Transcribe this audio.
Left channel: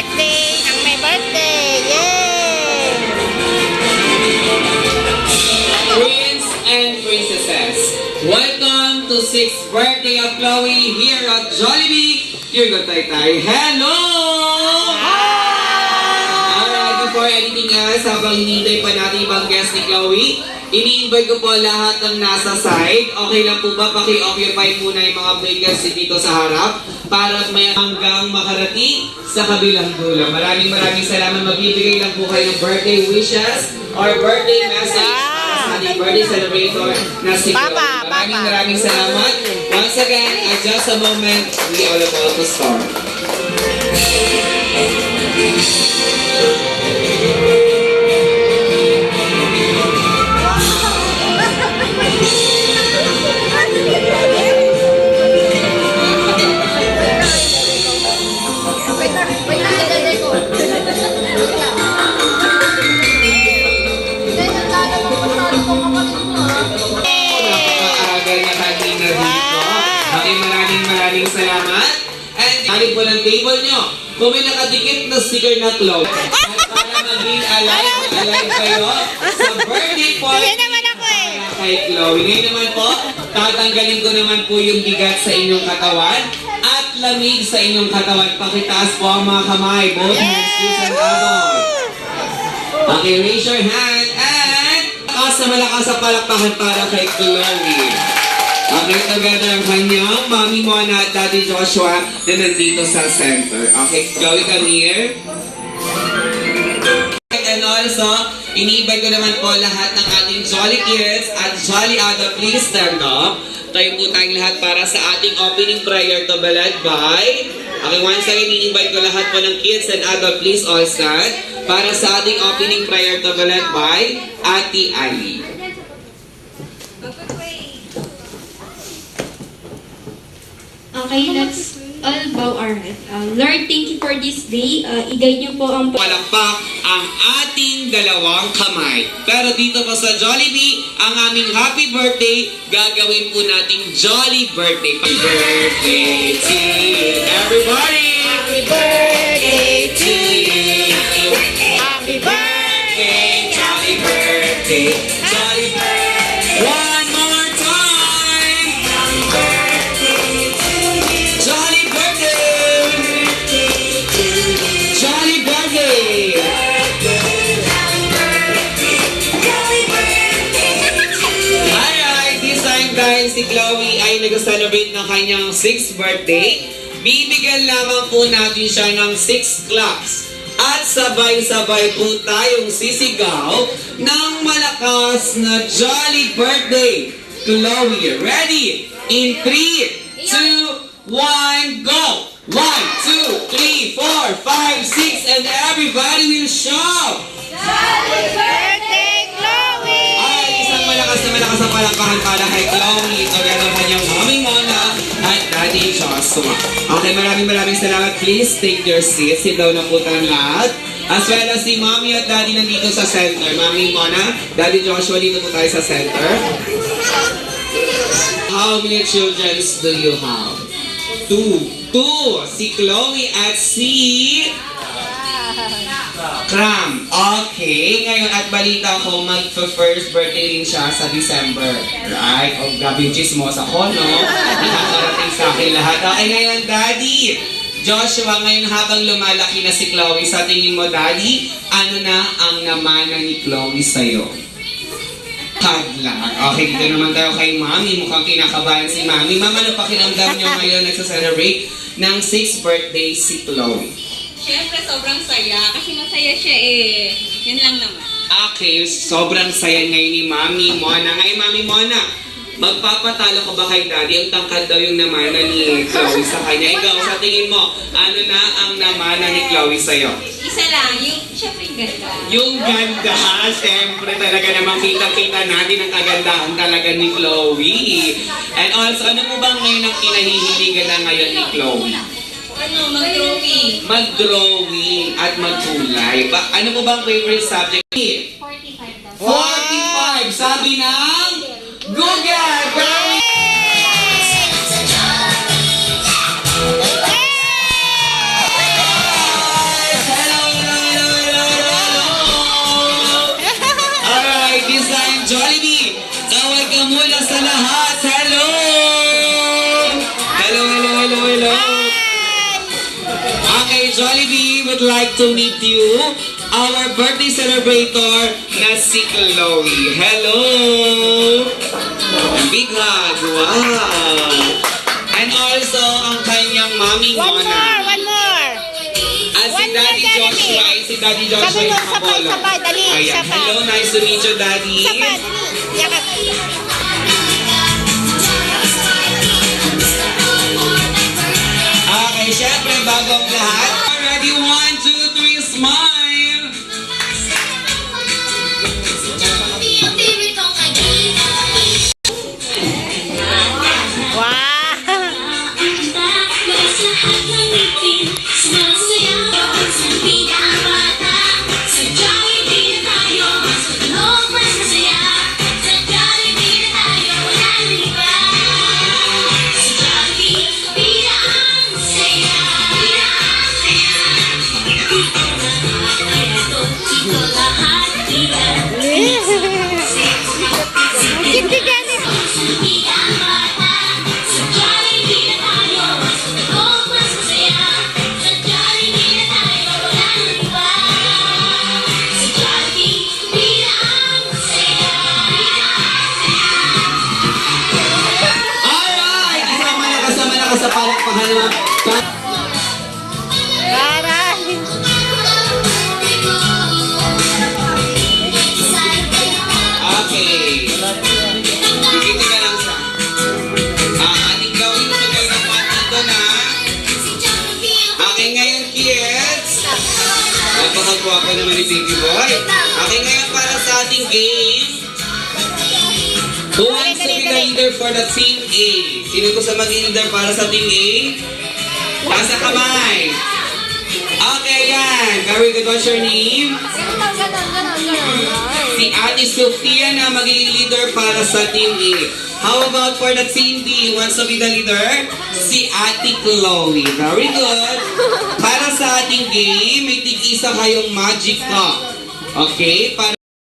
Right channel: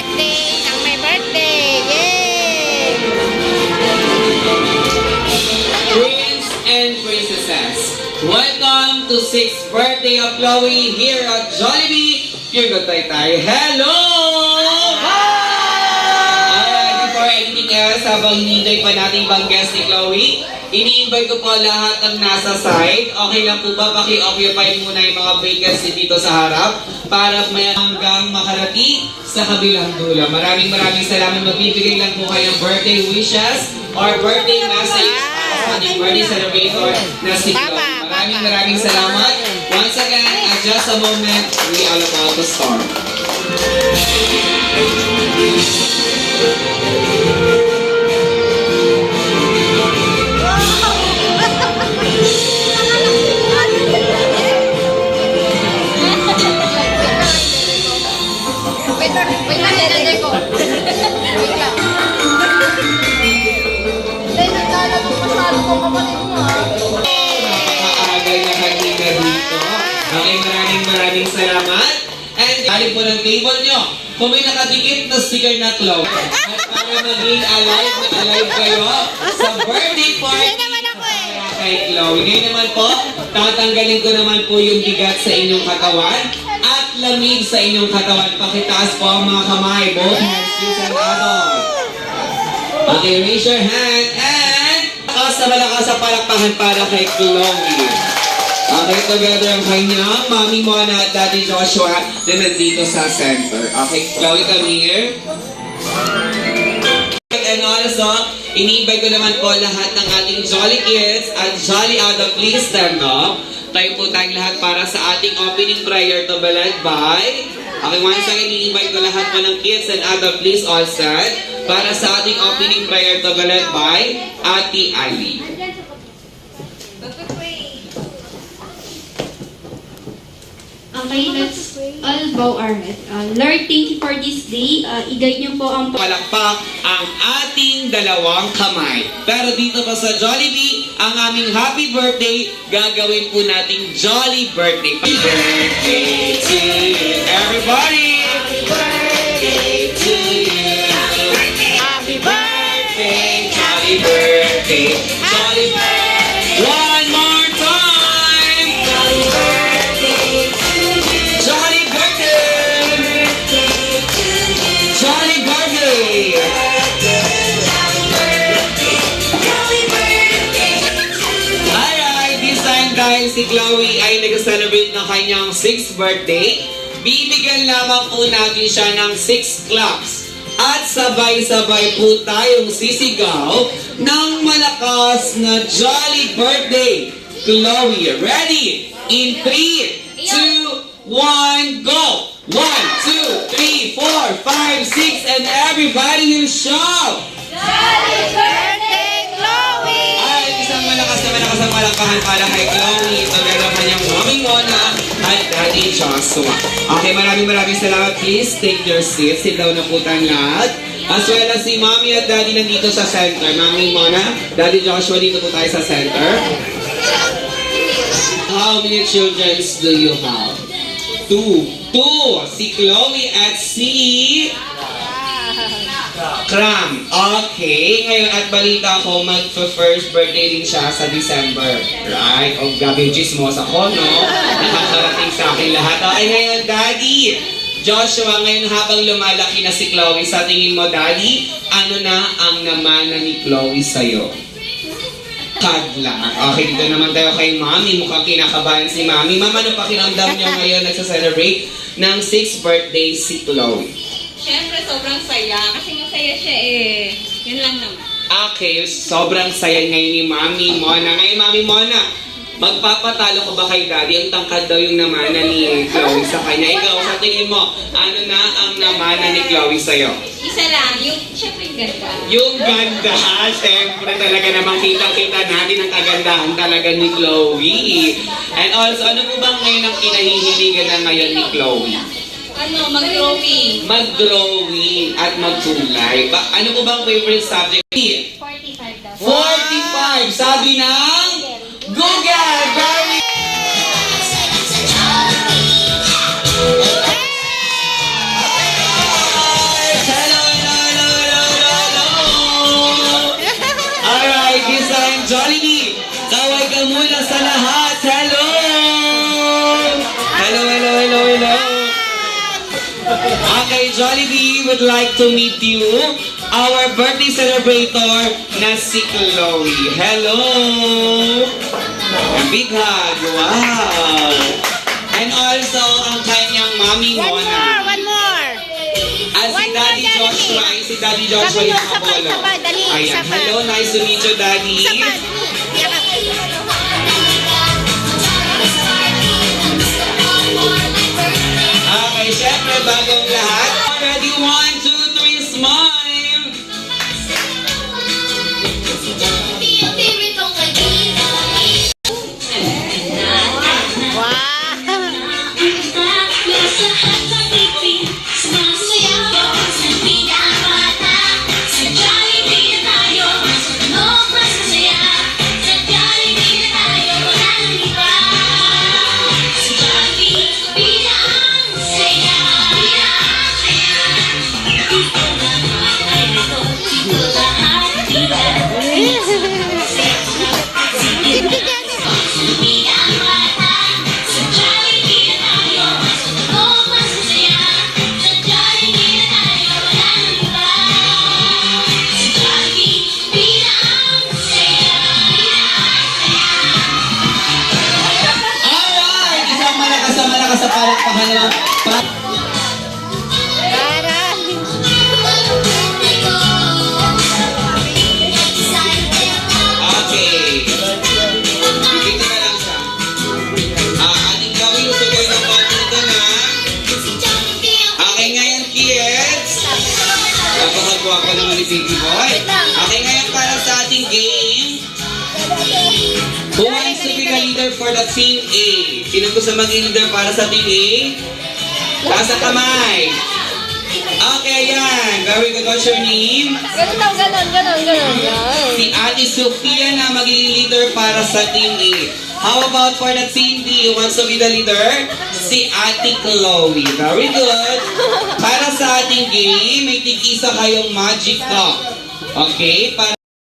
birthday ng may birthday. Yay! Prince and princesses, welcome to 6th birthday of Chloe here at Jollibee. Here tayo. Hello! Alright, before anything else, habang hinihintay pa natin ibang guest ni Chloe, ini-invite ko po lahat ng nasa side. Okay lang po ba? Paki-occupy muna yung mga vacants dito sa harap para may hanggang makarating sa kabilang dulo. Maraming salamat. Magbibigay lang po kayo birthday wishes or birthday message sa ating birthday celebrator na si Chloe. Maraming salamat. Once again, at just a moment, we are about to start. Maraming salamat. And galing po ng table nyo, kung may nakadikit na sticker na Chloe, at para maging alive kayo sa birthday party kay Chloe. Ngayon naman po, tatanggalin ko naman po yung bigat sa inyong katawan at lamig sa inyong katawan. Pakitaas po ang mga kamay. Both hands, kids and adults. Okay, raise your hand and malakas sa palakpakan para kay Chloe. Okay, together ang kanyang Mommy Mona at Daddy Joshua na nandito sa center. Okay, Chloe, come here. And also, ini-invite ko naman po lahat ng ating Jolly Kids at Jolly Adult. Please stand up. Tayo po tayong lahat para sa ating opening prayer to be led by... Okay, once again, ini-invite ko lahat po ng kids and adult. Please all stand para sa ating opening prayer to be led by Ate Ali. Okay, let's all bow our head. Lord, thank you for this day. I-guide niyo po ang... Palakpak ang ating dalawang kamay. Pero dito po sa Jollibee, ang aming happy birthday, gagawin po nating Jolly Birthday. Happy birthday to you, everybody! Happy birthday to you! Happy birthday! Happy birthday! Jolly birthday! One more time! Happy birthday to you! Jolly birthday! Jolly birthday! Alright, this time dahil si Chloe ay nag-celebrate ng kanyang 6th birthday, bibigyan lamang po natin siya ng 6 claps. At sabay-sabay po tayong sisigaw ng malakas na Jolly Birthday. Chloe, ready? In 3, 2, 1, go! 1, 2, 3, 4, 5, 6, and everybody will shout! Happy birthday, Chloe! Ay, isang malakas na palakpakan para kay Chloe. Together ang kanyang Mommy Mona at Daddy Joshua. Okay, maraming salamat. Please take your seats. Sit down na po tayong lahat. As well as si Mommy at Daddy nandito sa center. Mommy Mona, Daddy Joshua, dito po tayo sa center. How many children do you have? 2. Si Chloe at si... Cram. Okay. Ngayon at balita ko, mag-first birthday din siya sa December. Right? O, grabe yung chismos ako, no? Nakakarating sa akin lahat. Okay, ngayon, Daddy. Joshua, ngayon habang lumalaki na si Chloe, sa tingin mo, Daddy, ano na ang namana ni Chloe sa'yo? Kadla. Okay, dito naman tayo kay Mami. Mukhang kinakabahan si Mami. Mama, ano pakiramdam niyo ngayon nagsa-celebrate ng 6th birthday si Chloe? Siyempre, sobrang saya. Kasi masaya siya eh. Yun lang naman. Okay, sobrang saya ngayon ni Mami Mona. Ngayon, Mami Mona, magpapatalo ko ba kay Daddy? Ang tangkad daw yung namana ni Chloe sa kanya. Ikaw, sa tingin mo, ano na ang namana ni Chloe sa'yo? Isa lang, yung siyempre yung ganda. Yung ganda, siyempre talaga namang kita-kita natin ang kagandahan talaga ni Chloe. And also, ano mo bang ngayon ang kinahihiligan na ngayon ni Chloe? Ano, mag-drawing. Mag-drawing at magkulay. Ano mo bang favorite subject? 45 daw. 45, sabi ng Google! Very Jollibee would like to meet you, our birthday celebrator na si Chloe. Hello! Big hug! Wow! And also, ang kanyang mommy One more, Mona. one more. At si One more, Daddy Daddy. Joshua, si Daddy Joshua Sabi mo, yung isa pa, kabolo. isa pa, dali, Ayan, isa pa. hello, nice to meet you, Daddy. Isa pa, dali. Yakap. Okay, syempre, bago ang lahat. Ready, 1, 2, 3, smile! Wow. Hindi ganit. Alright! Isang malakas sa palakpakan naman. Para. Okay. Dito na lang siya. Ating gawin ito kayo ng patin doon, ha? Okay, ngayon, kids. Napakagwa ka naman ni Baby Boy. Okay, ngayon para sa ating game. Who wants to be the leader for the Team A? Sino gusto maging leader para sa Team A? Nasa kamay. Okay, yan. Very good. What's your name? Ganon. Si Ate Sofia na magiging leader para sa Team A. How about for the Team B? Who wants to be the leader? Si Ate Chloe. Very good. Para sa ating game, may tig-isa kayong magic cup. Okay? Para